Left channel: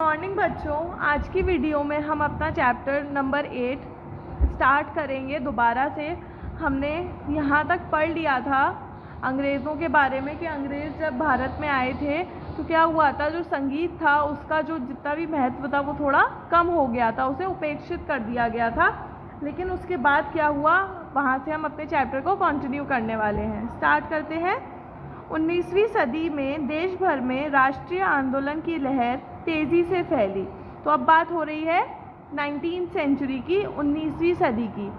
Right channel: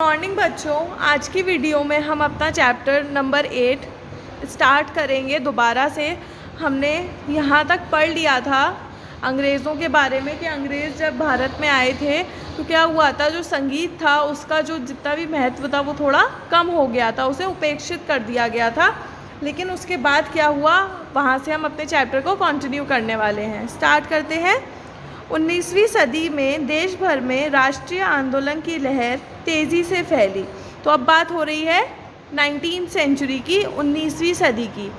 Morning बच्चों, आज की वीडियो में हम अपना चैप्टर नंबर 8 स्टार्ट करेंगे दोबारा से। हमने यहाँ तक पढ़ लिया था अंग्रेज़ों के बारे में कि अंग्रेज़ जब भारत में आए थे तो क्या हुआ था, जो संगीत था उसका जो जितना भी महत्व था वो थोड़ा कम हो गया था, उसे उपेक्षित कर दिया गया था। लेकिन उसके बाद क्या हुआ, वहाँ से हम अपने चैप्टर को कंटिन्यू करने वाले हैं। स्टार्ट करते हैं। 19वीं सदी में देश भर में राष्ट्रीय आंदोलन की लहर तेज़ी से फैली। तो अब बात हो रही है 19th सेंचुरी की, 19वीं सदी की।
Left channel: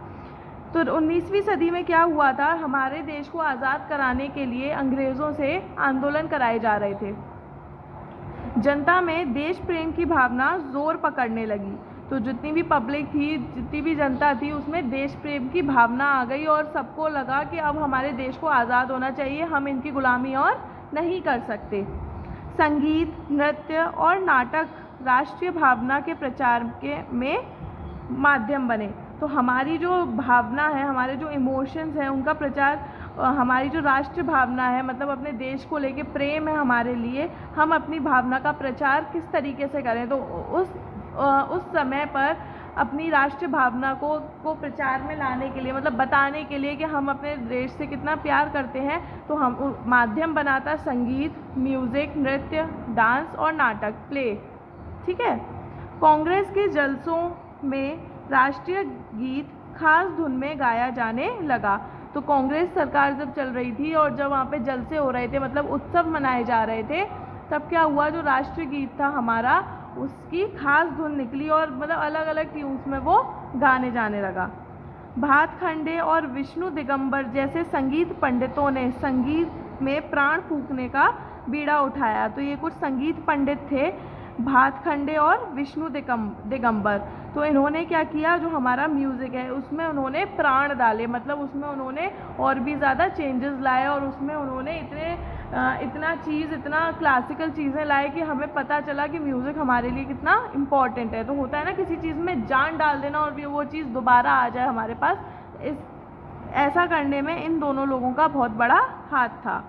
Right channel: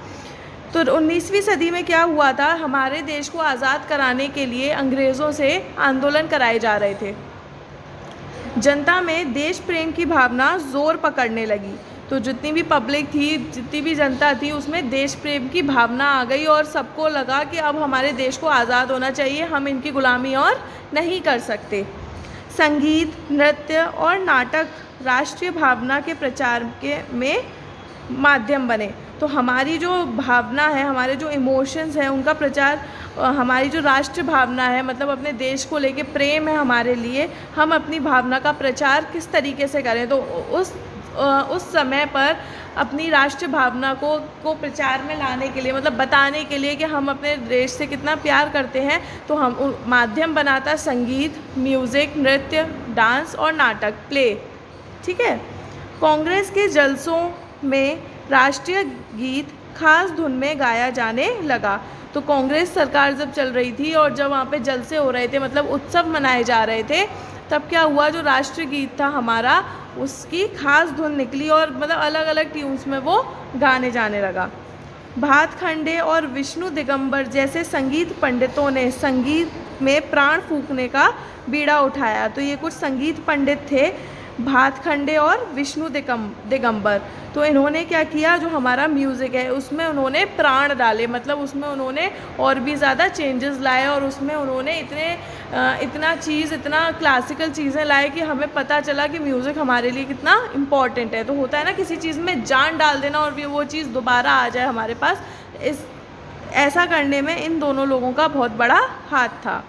तो 19वीं सदी में क्या हुआ था, हमारे देश को आज़ाद कराने के लिए अंग्रेज़ों से आंदोलन कराए जा रहे थे। जनता में देश प्रेम की भावना ज़ोर पकड़ने लगी। तो जितनी भी पब्लिक थी, जितनी भी जनता थी, उसमें देश प्रेम की भावना आ गई और सबको लगा कि अब हमारे देश को आज़ाद होना चाहिए, हम इनकी गुलामी और नहीं कर सकते। संगीत, नृत्य और नाटक राष्ट्रीय भावना के प्रचार में माध्यम बने। तो हमारी जो भावना है, हमारे जो इमोशंस हैं, उनका प्रचार, हमारी जो राष्ट्र भावना है, मतलब अपने देश को लेके प्रेम है हमारे लिए, हम अपनी भावना का प्रचार किस तरीके से करें। तो उस समय पर अपनी राष्ट्र भावना को प्रचार में लाने के लिए, मतलब बताने के लिए कि हम अपने देश से कितना प्यार करते हैं, तो हम माध्यम बनाता संगीत, म्यूज़िक, नृत्य, डांस और नाटक, प्ले। ठीक है। कांग्रेस के जलसों में राष्ट्रीय गीत खास धुन में गाया जाने लगा। तो कांग्रेस सरकार जब चल रही थी और जब वहाँ पे जलसे हो रहे थे, मतलब उत्सव मनाए जा रहे थे, तब क्या हुआ, जो राष्ट्रीय गीत था हमारा, उसकी खास धुन निकली और मतलब अलग अलग ट्यून्स में वो गाने जाने लगा। भातखंडे और विष्णु दिगंबर जैसे संगीत पंडितों ने संगीत में प्राण फूंकने का बीड़ा उठाया। तो ये कुछ संगीत पंडित थे, भातखंडे और विष्णु दिगंबर। तो इन्होंने क्या किया, जो हमारा म्यूज़िक है उसमें उन्होंने प्राण डाले, मतलब उसमें उन्होंने और भी ज़्यादा चेंजेस लाए और उसमें उन्होंने इतना क्लासिकल चीज़ें लाए कि हमें पता चला कि म्यूज़िक हमारे लिए कितना इम्पॉर्टेंट है। तो होता है ना, किसी चीज़ में जान डाल देना और वो चीज़ दोबारा आ जाए हमारे पास, ऐसा करने में इन दोनों लोगों का बहुत बड़ा हाथ था।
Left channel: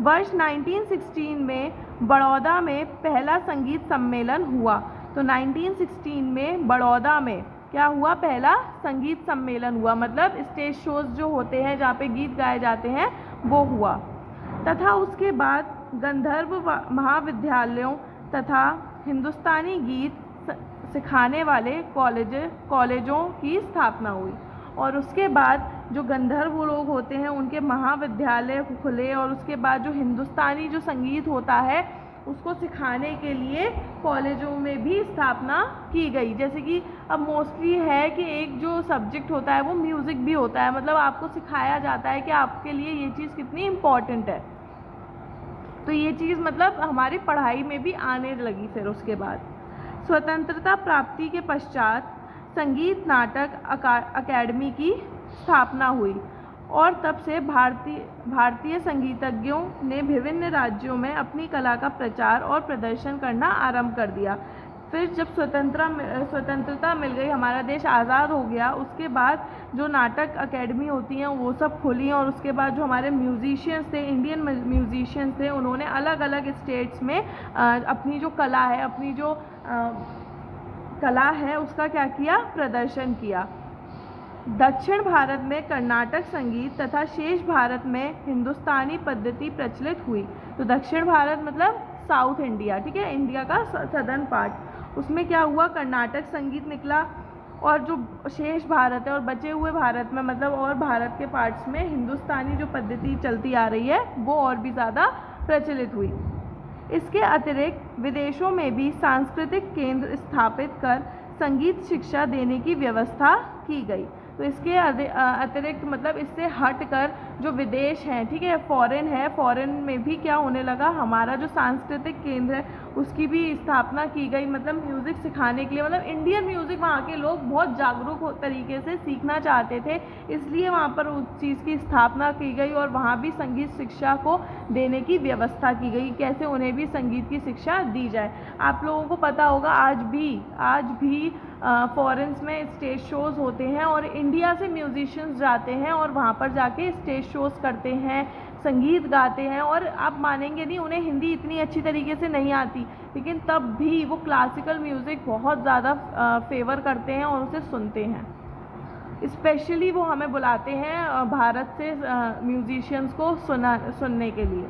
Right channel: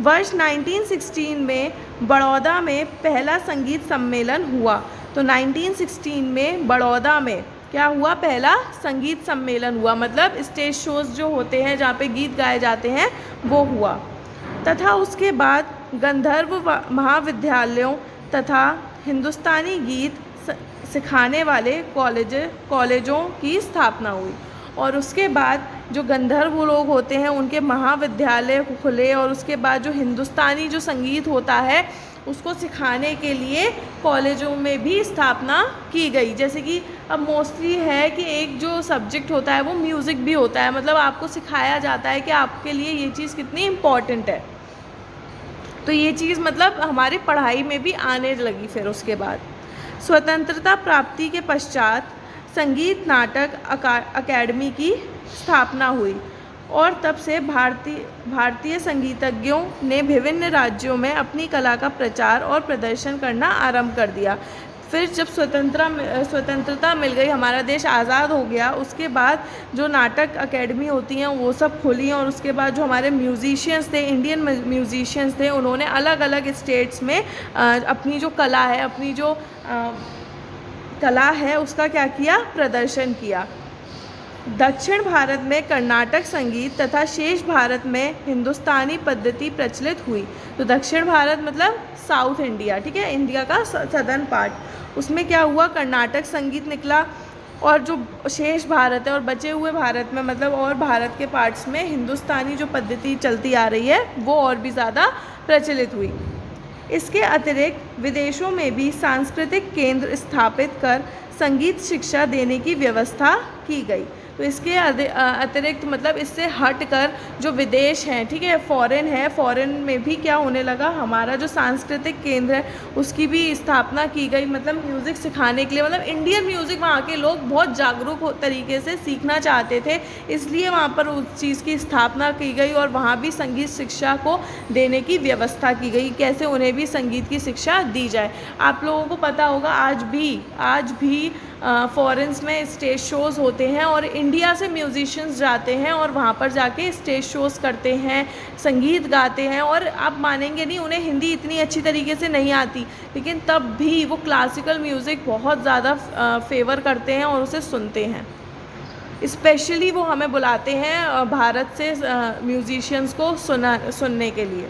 वर्ष 1916 में बड़ौदा में पहला संगीत सम्मेलन हुआ। तो 1916 में बड़ौदा में क्या हुआ, पहला संगीत सम्मेलन हुआ, मतलब स्टेज शोज़ जो होते हैं जहाँ पे गीत गाए जाते हैं, वो हुआ। तथा उसके बाद गंधर्व महाविद्यालयों तथा हिंदुस्तानी गीत सिखाने वाले कॉलेजों की स्थापना हुई। और उसके बाद जो गंधर्व लोग होते हैं उनके महाविद्यालय खुले और उसके बाद जो हिंदुस्तानी जो संगीत होता है उसको सिखाने के लिए कॉलेजों में भी स्थापना की गई। जैसे कि अब मोस्टली है कि एक जो सब्जेक्ट होता है वो म्यूज़िक भी होता है, मतलब आपको सिखाया जाता है कि आपके लिए ये चीज़ कितनी इम्पॉर्टेंट है। तो ये चीज़ मतलब हमारी पढ़ाई में भी आने लगी। फिर उसके बाद स्वतंत्रता प्राप्ति के पश्चात संगीत नाटक अकादमी की स्थापना हुई और तब से भारतीय संगीतज्ञों ने विभिन्न राज्यों में अपनी कला का प्रचार और प्रदर्शन करना आरंभ कर दिया। फिर जब स्वतंत्रता मिल गई, हमारा देश आज़ाद हो गया, उसके बाद जो नाटक अकेडमी होती हैं वो सब खुली और उसके बाद जो हमारे म्यूज़िशियंस थे, इंडियन म्यूज़िशियंस थे, उन्होंने अलग अलग स्टेट्स में अपनी जो कला है, अपनी जो कला है उसका क्या किया, प्रदर्शन किया। दक्षिण भारत में कर्नाटक संगीत तथा शेष भारत में हिंदुस्तानी पद्धति प्रचलित हुई। तो दक्षिण भारत मतलब साउथ इंडिया, ठीक है, इंडिया का सदर्न पार्ट, उसमें क्या हुआ, कर्नाटक संगीत निकला और जो शेष भारत है और बचे हुए भारत में, मतलब और भारत के पार्ट्स में हिंदुस्तानी जो पद्धति चलती आ रही है वो और भी ज़्यादा प्रचलित हुई। इसके अतिरिक्त विदेशों में भी सांस्कृतिक केंद्र स्थापित कर संगीत शिक्षा देने की व्यवस्था की गई। तो इसके अतिरिक्त मतलब इससे हट कर जो विदेश हैं, ठीक है, फॉरेन में भी क्या होने लगा, हमारा जो सांस्कृतिक केंद्र है उसकी भी स्थापना की गई, मतलब म्यूज़िक सिखाने के लिए। मतलब इंडियन म्यूज़िक वहाँ के लोग बहुत जागरूक तरीके से सीखना चाहते थे, इसलिए वहाँ पर उस चीज़ की स्थापना की गई और वहाँ भी संगीत शिक्षा को देने की व्यवस्था की गई, कैसे उन्हें भी संगीत की शिक्षा दी जाए। आप लोगों को पता होगा आज भी फॉरेन्स में स्टेज शोज़ होते हैं और इंडिया से म्यूजिशियंस जाते हैं और वहाँ पर जाके स्टेज शोज़ करते हैं, संगीत गाते हैं, और आप मानेंगे नहीं उन्हें हिंदी इतनी अच्छी तरीके से नहीं आती, लेकिन तब भी वो क्लासिकल म्यूज़िक बहुत ज़्यादा फेवर करते हैं और उसे सुनते हैं। स्पेशली वो हमें बुलाते हैं भारत से म्यूजिशियंस को सुनने के लिए।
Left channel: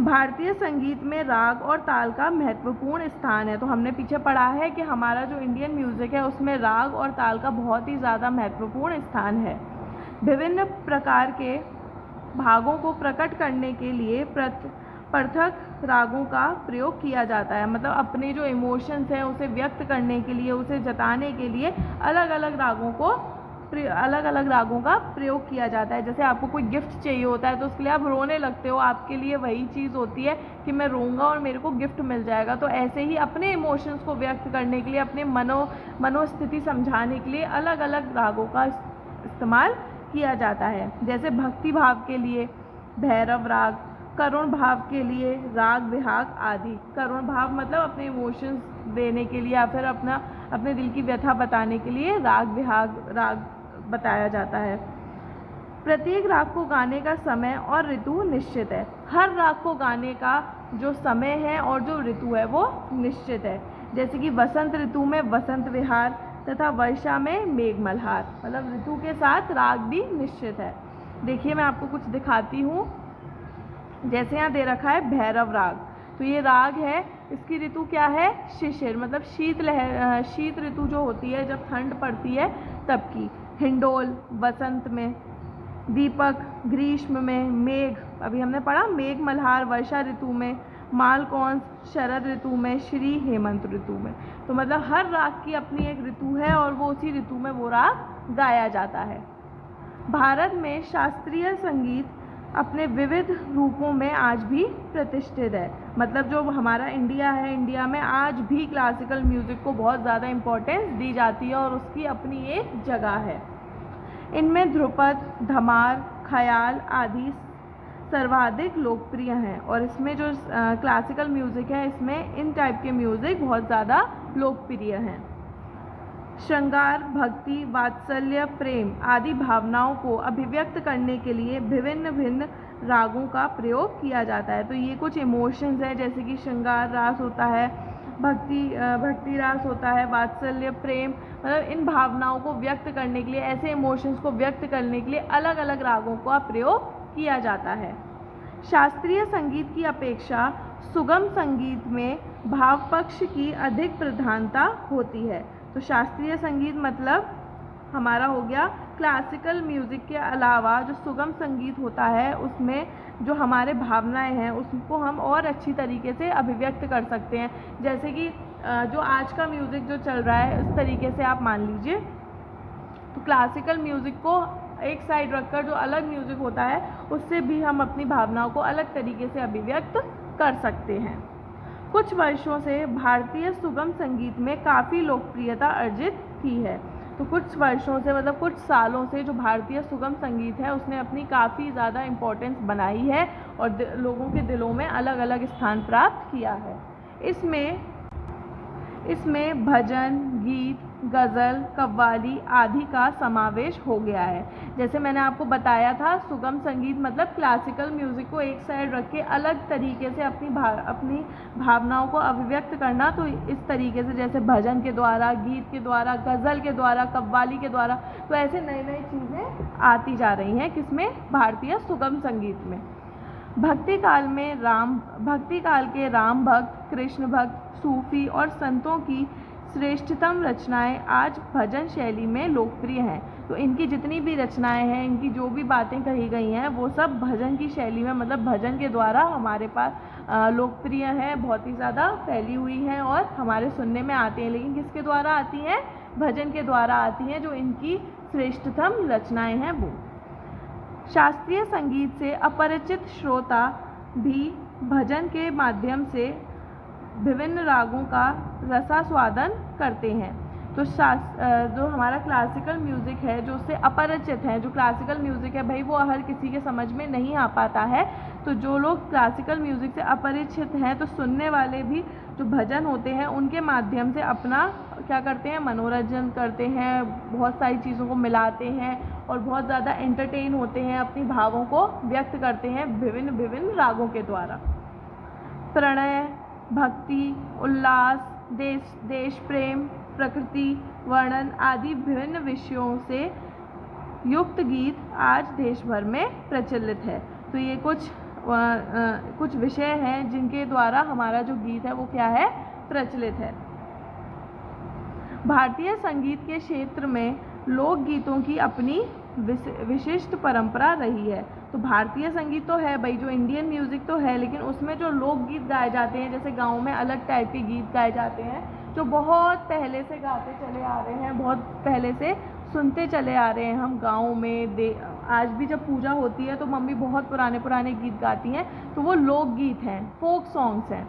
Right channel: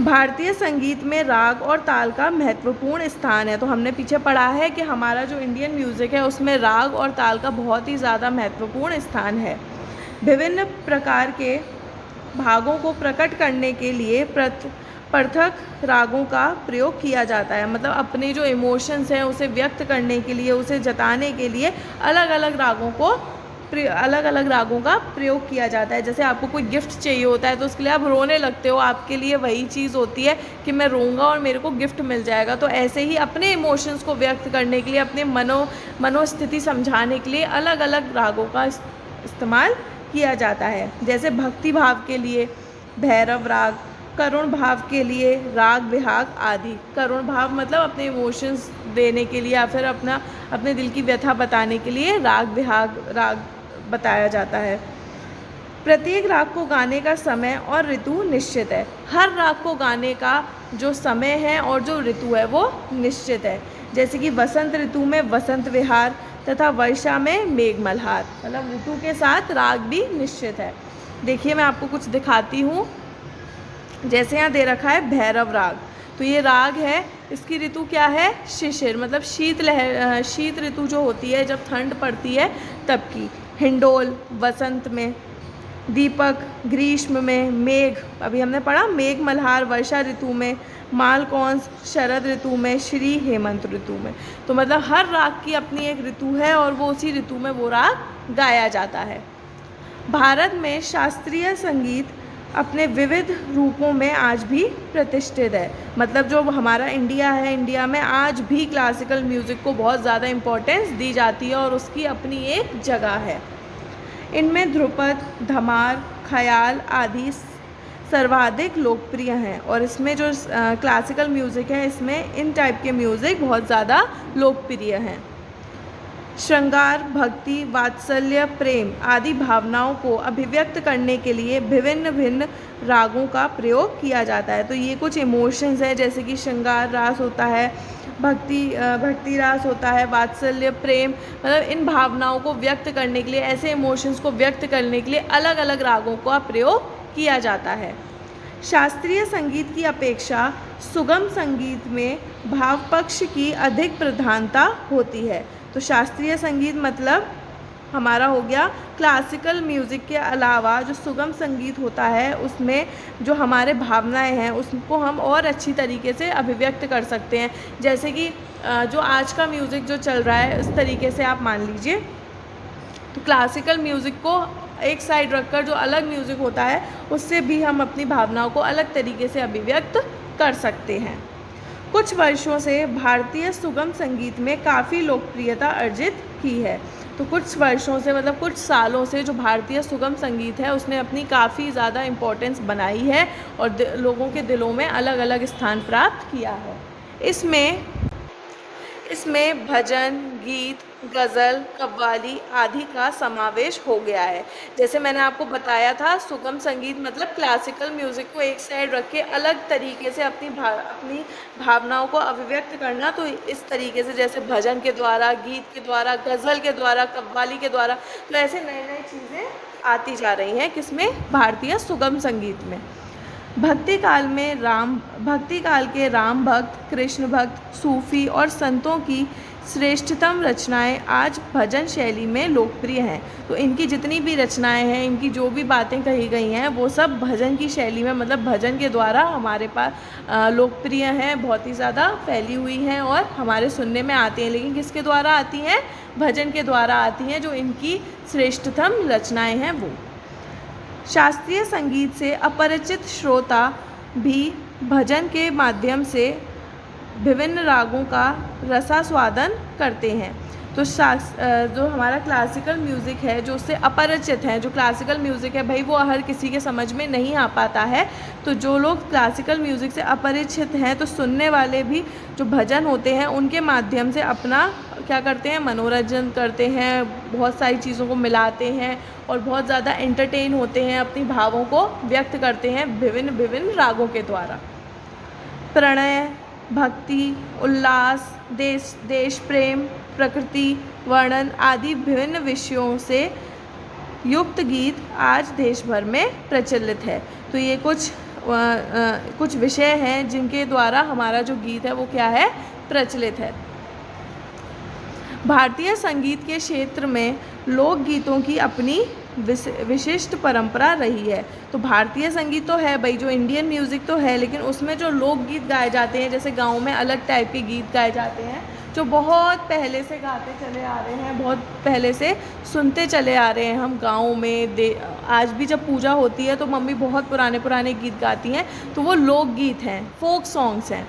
भारतीय संगीत में राग और ताल का महत्वपूर्ण स्थान है। तो हमने पीछे पढ़ा है कि हमारा जो इंडियन म्यूज़िक है उसमें राग और ताल का बहुत ही ज़्यादा महत्वपूर्ण स्थान है। विभिन्न प्रकार के भागों को प्रकट करने के लिए पृथक रागों का प्रयोग किया जाता है। मतलब अपने जो इमोशंस हैं उसे व्यक्त करने के लिए, उसे जताने के लिए अलग अलग रागों का प्रयोग किया जाता है। जैसे आपको कोई गिफ्ट चाहिए होता है तो उसके लिए आप रोने लगते हो, आपके लिए वही चीज़ होती है कि मैं रोऊंगा और मेरे को गिफ्ट मिल जाएगा। तो ऐसे ही अपने इमोशंस को व्यक्त करने के लिए, अपने मनोस्थिति समझाने के लिए अलग अलग रागों का इस्तेमाल किया जाता है। जैसे भक्ति भाव के लिए भैरव राग, करुण भाव के लिए राग बिहाग आदि। करुण भाव मतलब अपने इमोशंस देने के लिए या फिर अपने दिल की व्यथा बताने के लिए राग बिहाग राग बताया जाता है। प्रत्येक राग को गाने का समय और ऋतु निश्चित है। हर राग को गाने का जो समय है और जो ऋतु है वो निश्चित है। जैसे कि वसंत ऋतु में वसंत विहार तथा वर्षा में मेघ मल्हार, मतलब ऋतु के साथ राग भी निश्चित है। देखिए मैं आपको कुछ दिखाती हूँ। जैसे यहाँ दे रखा है भैरव राग, तो ये राग है, इसकी ऋतु क्या है? शिशिर, मतलब शीत ऋतु जो होती है जब ठंड पड़ती है तब की। हिंडोल वसंत में, दीपक ग्रीष्म में, मेघ अभी हमने पढ़ा मेघ मल्हार वर्षा ऋतु में, मालकौंस शरद ऋतु में, श्री हेमंत ऋतु में। तो मतलब हर राग की अपनी एक ऋतु है और वो उसी ऋतु में वो राग गाया जाता है। भारत में शास्त्रीय संगीत अपने विविध रूपों में आज भी प्रतिष्ठित है। मतलब जो हमारा इंडिया है, इंडिया में आज भी क्लासिकल म्यूज़िक को बहुत ज़्यादा इम्पोर्टेंस दी जाती है और उसकी अपनी एक जगह है। इनमें ध्रुपद, धमार, ख्याल आदि सर्वाधिक लोकप्रिय हैं। और इसमें जो क्लासिकल म्यूज़िक है इसमें इन टाइप के म्यूज़िक बहुत ज़्यादा लोकप्रिय हैं। श्रृंगार, भक्ति, वात्सल्य, प्रेम आदि भावनाओं को अभिव्यक्त करने के लिए भिन्न रागों का प्रयोग किया जाता है। तो ये कुछ इमोशंस हैं, जैसे कि श्रृंगार रास होता है, भक्ति रास होता है, वात्सल्य, प्रेम, मतलब इन भावनाओं को व्यक्त करने के लिए, ऐसे इमोशंस को व्यक्त करने के लिए अलग अलग रागों का प्रयोग किया जाता है। शास्त्रीय संगीत की अपेक्षा सुगम संगीत में भाव पक्ष की अधिक प्रधानता होती है। तो शास्त्रीय संगीत मतलब हमारा हो गया क्लासिकल म्यूज़िक के अलावा जो सुगम संगीत होता है उसमें जो हमारे भावनाएं हैं उसको हम और अच्छी तरीके से अभिव्यक्त कर सकते हैं। जैसे कि जो आज का म्यूज़िक जो चल रहा है इस तरीके से आप मान लीजिए, तो क्लासिकल म्यूज़िक को एक साइड रखकर जो अलग म्यूज़िक होता है उससे भी हम अपनी भावनाओं को अलग तरीके से अभिव्यक्त कर सकते हैं। कुछ वर्षों से भारतीय सुगम संगीत में काफ़ी लोकप्रियता अर्जित की है। तो कुछ वर्षों से मतलब कुछ सालों से जो भारतीय सुगम संगीत है उसने अपनी काफ़ी ज़्यादा इम्पोर्टेंस बनाई है और लोगों के दिलों में अलग अलग स्थान प्राप्त किया है। इसमें भजन, गीत, गज़ल, कव्वाली आदि का समावेश हो गया है। जैसे मैंने आपको बताया था सुगम संगीत मतलब क्लासिकल म्यूज़िक को एक साइड रख के अलग तरीके से अपनी भावनाओं को अभिव्यक्त करना। तो इस तरीके से जैसे भजन के द्वारा, गीत के द्वारा, गज़ल के द्वारा, कव्वाली के द्वारा, तो ऐसे नई नई चीज़ें आती जा रही हैं किसमें? भारतीय सुगम संगीत में। भक्ति काल के राम भक्त, कृष्ण भक्त, सूफी और संतों की श्रेष्ठतम रचनाएं आज भजन शैली में लोकप्रिय हैं। तो इनकी जितनी भी रचनाएं हैं, इनकी जो भी बातें कही गई हैं वो सब भजन की शैली में, मतलब भजन के द्वारा हमारे पास लोकप्रिय हैं, बहुत ही ज़्यादा फैली हुई हैं और हमारे सुनने में आती हैं। लेकिन किसके द्वारा आती हैं? भजन के द्वारा आती हैं, जो इनकी श्रेष्ठतम रचनाएँ हैं वो। शास्त्रीय संगीत से अपरिचित श्रोता भी भजन के माध्यम से विभिन्न रागों का रसास्वादन करते हैं। तो जो हमारा क्लासिकल म्यूज़िक है जो उससे अपरिचित है, जो क्लासिकल म्यूज़िक है भाई वो हर किसी के समझ में नहीं आ पाता है। तो जो लोग क्लासिकल म्यूज़िक से अपरिचित हैं तो सुनने वाले भी जो भजन होते हैं उनके माध्यम से अपना क्या करते हैं, मनोरंजन करते हैं, बहुत सारी चीज़ों को मिलाते हैं और बहुत ज़्यादा एंटरटेन होते हैं, अपनी भावों को व्यक्त करते हैं विभिन्न विभिन्न रागों के द्वारा। प्रणय, भक्ति, उल्लास, देश प्रेम, प्रकृति वर्णन आदि विभिन्न विषयों से युक्त गीत आज देश भर में प्रचलित है। तो ये कुछ विषय हैं जिनके द्वारा हमारा जो गीत है वो क्या है, प्रचलित है। भारतीय संगीत के क्षेत्र में लोकगीतों की अपनी विशिष्ट परंपरा रही है। तो भारतीय संगीत तो है भाई, जो इंडियन म्यूज़िक तो है, लेकिन उसमें जो लोकगीत गाए जाते हैं, जैसे गाँव में अलग टाइप के गीत गाए जाते हैं जो बहुत पहले से गाते चले आ रहे हैं, बहुत पहले से सुनते चले आ रहे हैं हम गाँव में। आज भी जब पूजा होती है तो मम्मी बहुत पुराने पुराने गीत गाती हैं, तो वो लोकगीत हैं, फोक सॉन्ग्स हैं,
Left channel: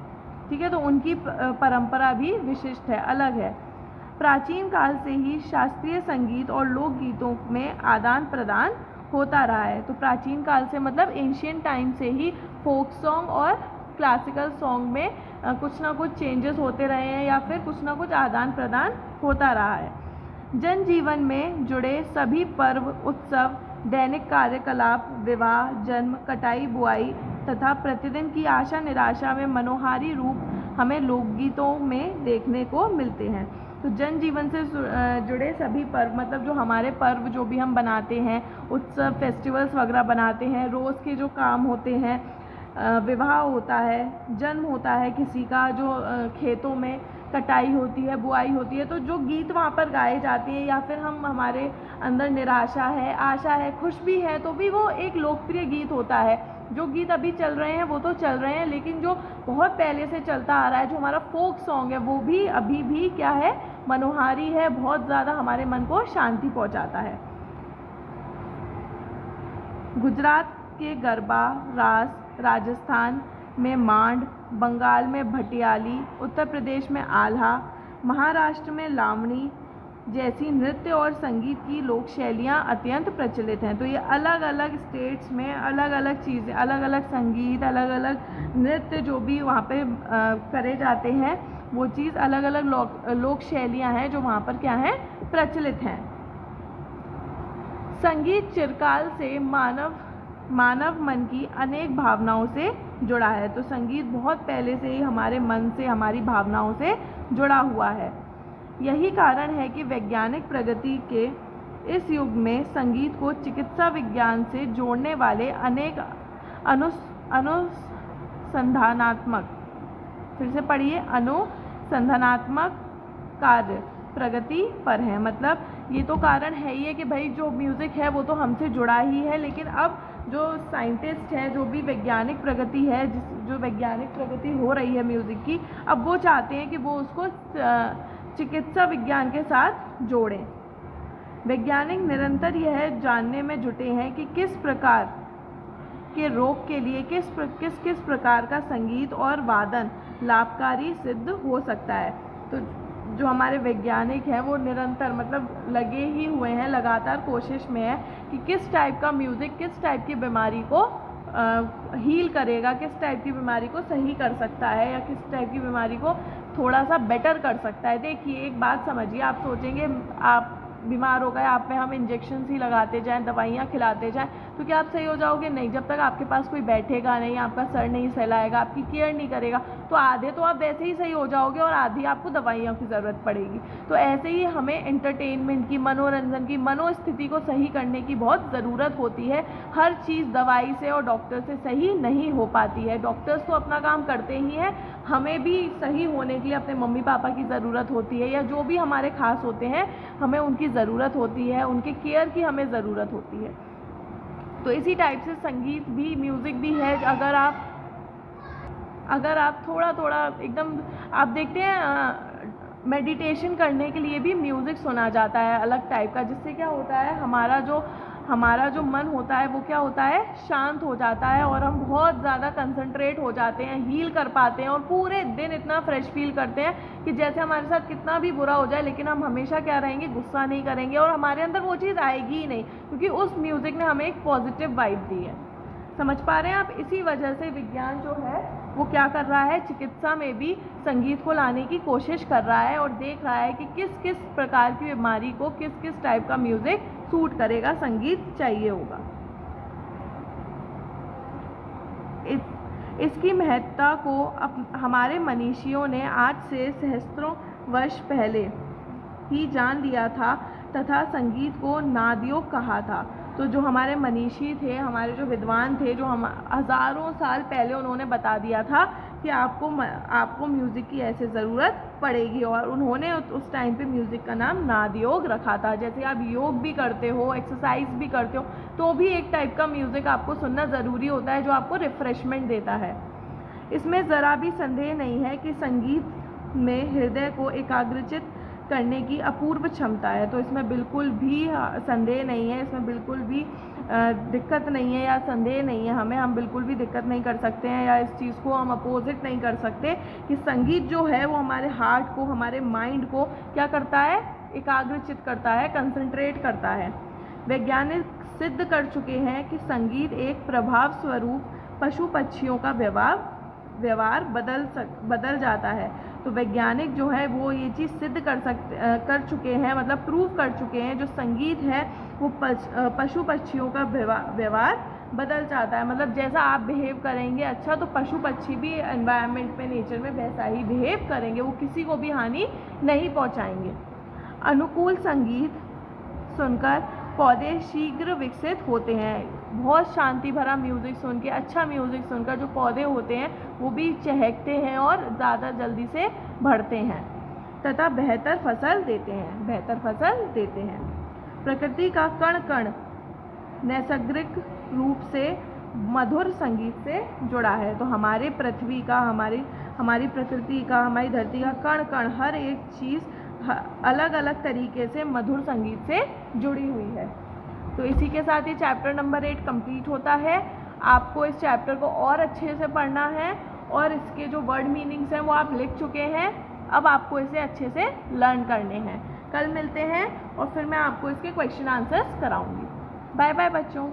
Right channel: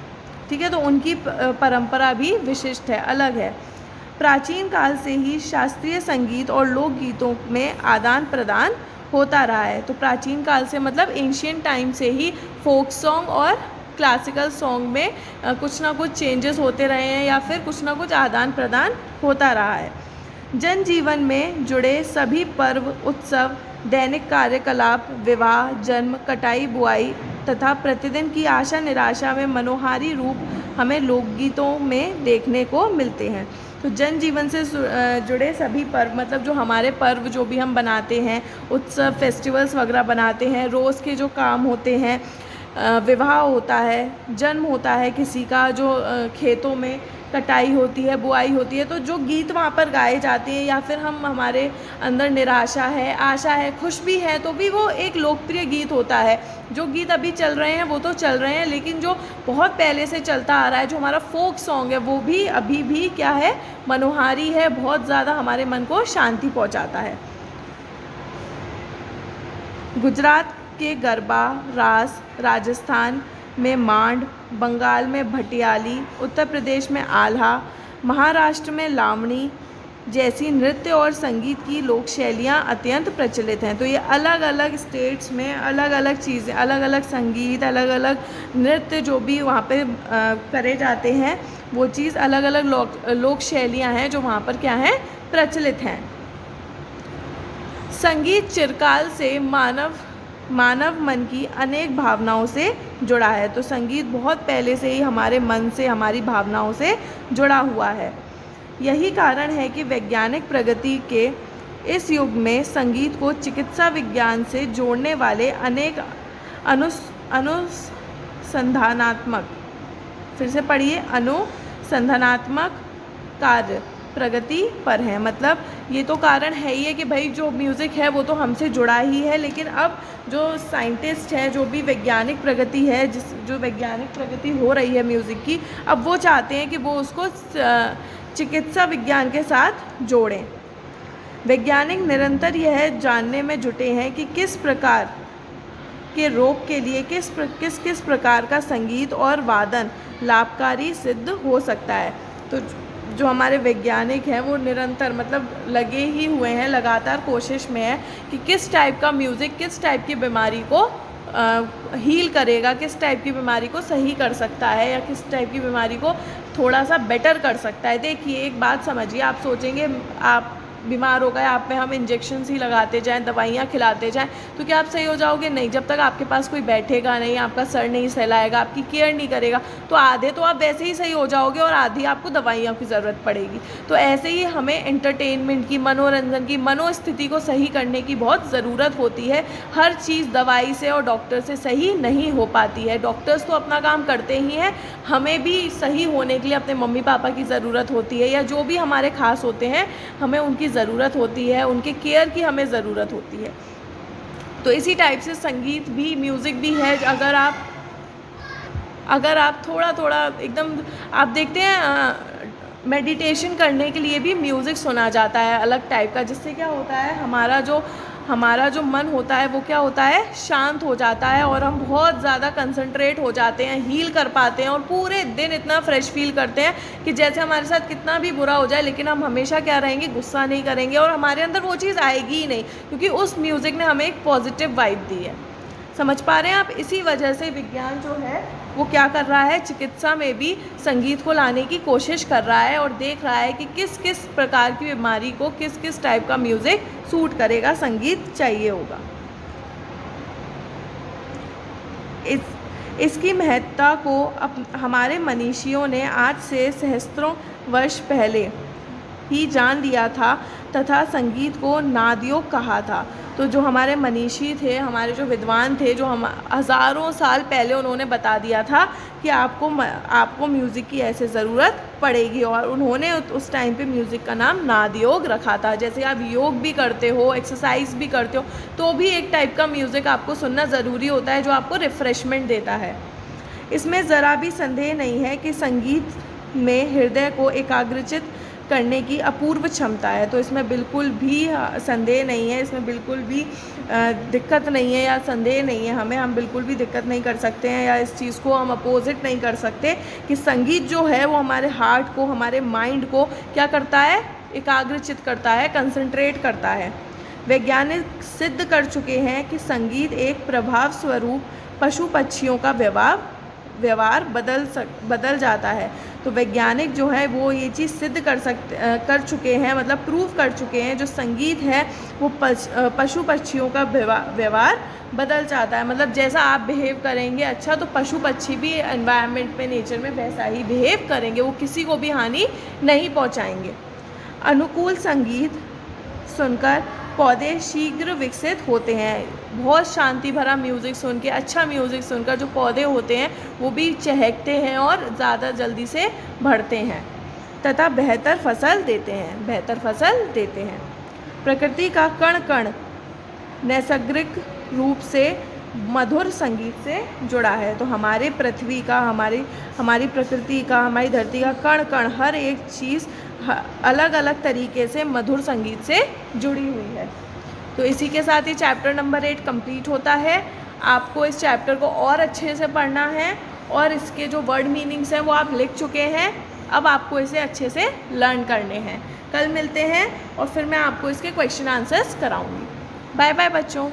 ठीक है। तो उनकी परंपरा भी विशिष्ट है, अलग है। प्राचीन काल से ही शास्त्रीय संगीत और लोकगीतों में आदान प्रदान होता रहा है। तो प्राचीन काल से मतलब एंशियंट टाइम से ही फोक सॉन्ग और क्लासिकल सॉन्ग में कुछ ना कुछ चेंजेस होते रहे हैं या फिर कुछ ना कुछ आदान प्रदान होता रहा है। जनजीवन में जुड़े सभी पर्व, उत्सव, दैनिक कार्यकलाप, विवाह, जन्म, कटाई, बुआई तथा प्रतिदिन की आशा निराशा में मनोहारी रूप हमें लोकगीतों में देखने को मिलते हैं। तो जनजीवन से जुड़े सभी पर्व, मतलब जो हमारे पर्व जो भी हम बनाते हैं, उत्सव, फेस्टिवल्स वगैरह बनाते हैं, रोज़ के जो काम होते हैं, विवाह होता है, जन्म होता है किसी का, जो खेतों में कटाई होती है, बुआई होती है, तो जो गीत वहाँ पर गाए जाते हैं, या फिर हमारे अंदर निराशा है, आशा है, खुश भी है, तो भी वो एक लोकप्रिय गीत होता है। जो गीत अभी चल रहे हैं वो तो चल रहे हैं, लेकिन जो बहुत पहले से चलता आ रहा है, जो हमारा फोक सॉन्ग है, वो भी अभी भी क्या है, मनोहारी है, बहुत ज़्यादा हमारे मन को शांति पहुँचाता है। गुजरात के गरबा, रास, राजस्थान में मांड, बंगाल में भटियाली, उत्तर प्रदेश में आल्हा, महाराष्ट्र में लावणी जैसी नृत्य और संगीत की लोक शैलियाँ अत्यंत प्रचलित हैं। तो ये अलग अलग स्टेट्स में अलग अलग चीज़ें, अलग अलग संगीत, अलग अलग नृत्य जो भी वहाँ पे करे जाते हैं, वो चीज़ अलग अलग लोक शैलियाँ हैं जो वहाँ पर क्या हैं, प्रचलित हैं। संगीत चिरकाल से मानव मन की अनेक भावनाओं से जुड़ा है। तो संगीत बहुत पहले से ही हमारे मन से, हमारी भावनाओं से जुड़ा हुआ है। यही कारण है कि वैज्ञानिक प्रगति के इस युग में संगीत को चिकित्सा विज्ञान से जोड़ने वाले अनेक अनुसंधानात्मक, फिर से पढ़िए, अनुसंधानात्मक कार्य प्रगति पर है। मतलब ये तो कारण है ही है कि भाई जो म्यूज़िक है वो तो हमसे जुड़ा ही है, लेकिन अब जो साइंटिस्ट है, जो भी वैज्ञानिक प्रगति है, जो वैज्ञानिक प्रगति हो रही है म्यूज़िक की, अब वो चाहते हैं कि वो उसको चिकित्सा विज्ञान के साथ जोड़ें। वैज्ञानिक निरंतर यह जानने में जुटे हैं कि किस प्रकार के रोग के लिए किस प्रकार का संगीत और वादन लाभकारी सिद्ध हो सकता है। तो जो हमारे वैज्ञानिक हैं वो निरंतर मतलब लगे ही हुए हैं, लगातार कोशिश में है कि किस टाइप का म्यूज़िक किस टाइप की बीमारी को हील करेगा, किस टाइप की बीमारी को सही कर सकता है, या किस टाइप की बीमारी को थोड़ा सा बेटर कर सकता है। देखिए एक बात समझिए, आप सोचेंगे आप बीमार हो गए, आप में हम इंजेक्शन्स ही लगाते जाएं, दवाइयाँ खिलाते जाएं, तो क्या आप सही हो जाओगे? नहीं। जब तक आपके पास कोई बैठेगा नहीं, आपका सर नहीं सहलाएगा, आपकी केयर नहीं करेगा, तो आधे तो आप वैसे ही सही हो जाओगे और आधी आपको दवाइयों की ज़रूरत पड़ेगी। तो ऐसे ही हमें एंटरटेनमेंट की, मनोरंजन की, मनोस्थिति को सही करने की बहुत ज़रूरत होती है। हर चीज़ दवाई से और डॉक्टर से सही नहीं हो पाती है। डॉक्टर्स तो अपना काम करते ही हैं, हमें भी सही होने के लिए अपने मम्मी पापा की ज़रूरत होती है, या जो भी हमारे खास होते हैं हमें उनकी ज़रूरत होती है, उनके केयर की हमें ज़रूरत होती है। तो इसी टाइप से संगीत भी, म्यूज़िक भी है। अगर आप थोड़ा थोड़ा एकदम आप देखते हैं, मेडिटेशन करने के लिए भी म्यूज़िक सुना जाता है अलग टाइप का, जिससे क्या होता है, हमारा जो मन होता है वो क्या होता है, शांत हो जाता है और हम बहुत ज़्यादा कंसंट्रेट हो जाते हैं, हील कर पाते हैं और पूरे दिन इतना फ्रेश फील करते हैं कि जैसे हमारे साथ कितना भी बुरा हो जाए, लेकिन हम हमेशा क्या रहेंगे, गुस्सा नहीं करेंगे और हमारे अंदर वो चीज़ आएगी ही नहीं, क्योंकि उस म्यूज़िक ने हमें एक पॉजिटिव वाइब दी है। समझ पा रहे हैं आप? इसी वजह से विज्ञान जो है वो क्या कर रहा है, चिकित्सा में भी संगीत को लाने की कोशिश कर रहा है और देख रहा है कि किस किस प्रकार की बीमारी को किस किस टाइप का म्यूज़िक सूट करेगा, संगीत चाहिए होगा। इसकी महत्ता को हमारे मनीषियों ने आज से सहस्त्रों वर्ष पहले ही जान लिया था तथा संगीत को नादयोग कहा था। तो जो हमारे मनीषी थे, हमारे जो विद्वान थे, जो हम हज़ारों साल पहले उन्होंने बता दिया था कि आपको म्यूज़िक की ऐसे ज़रूरत पड़ेगी, और उन्होंने उस टाइम पे म्यूज़िक का नाम नादयोग रखा था। जैसे आप योग भी करते हो, एक्सरसाइज भी करते हो, तो भी एक टाइप का म्यूज़िक आपको सुनना ज़रूरी होता है जो आपको रिफ़्रेशमेंट देता है। इसमें ज़रा भी संदेह नहीं है कि संगीत में हृदय को एकाग्रचित करने की अपूर्व क्षमता है। तो इसमें बिल्कुल भी संदेह नहीं है, इसमें बिल्कुल भी दिक्कत नहीं है या संदेह नहीं है, हम बिल्कुल भी दिक्कत नहीं कर सकते हैं या इस चीज़ को हम अपोजिट नहीं कर सकते कि संगीत जो है वो हमारे हार्ट को, हमारे माइंड को क्या करता है, एकाग्रचित करता है, कंसंट्रेट करता है। वैज्ञानिक सिद्ध कर चुके हैं कि संगीत एक प्रभाव स्वरूप पशु पक्षियों का व्यवहार बदल जाता है। तो वैज्ञानिक जो है वो ये चीज़ सिद्ध कर चुके हैं, मतलब प्रूव कर चुके हैं, जो संगीत है वो पशु पक्षियों का व्यवहार बदल जाता है। मतलब जैसा आप बिहेव करेंगे अच्छा, तो पशु पक्षी भी एनवायरनमेंट में, नेचर में वैसा ही बिहेव करेंगे, वो किसी को भी हानि नहीं पहुंचाएंगे। अनुकूल संगीत सुनकर पौधे शीघ्र विकसित होते हैं। बहुत शांति भरा म्यूज़िक सुन के, अच्छा म्यूज़िक सुनकर जो पौधे होते हैं वो भी चहकते हैं और ज़्यादा जल्दी से बढ़ते हैं तथा बेहतर फसल देते हैं। प्रकृति का कण कण नैसर्गिक रूप से मधुर संगीत से जुड़ा है। तो हमारे पृथ्वी का, हमारी प्रकृति का, हमारी धरती का कण कण, हर एक चीज़ अलग अलग तरीके से मधुर संगीत से जुड़ी हुई है। तो इसी के साथ ही चैप्टर नंबर 8 कंप्लीट होता है। आपको इस चैप्टर को और अच्छे से पढ़ना है और इसके जो वर्ड मीनिंग्स हैं वो आप लिख चुके हैं, अब आपको इसे अच्छे से लर्न करने हैं। कल मिलते हैं और फिर मैं आपको इसके क्वेश्चन आंसर्स कराऊंगी। बाय बाय बच्चों।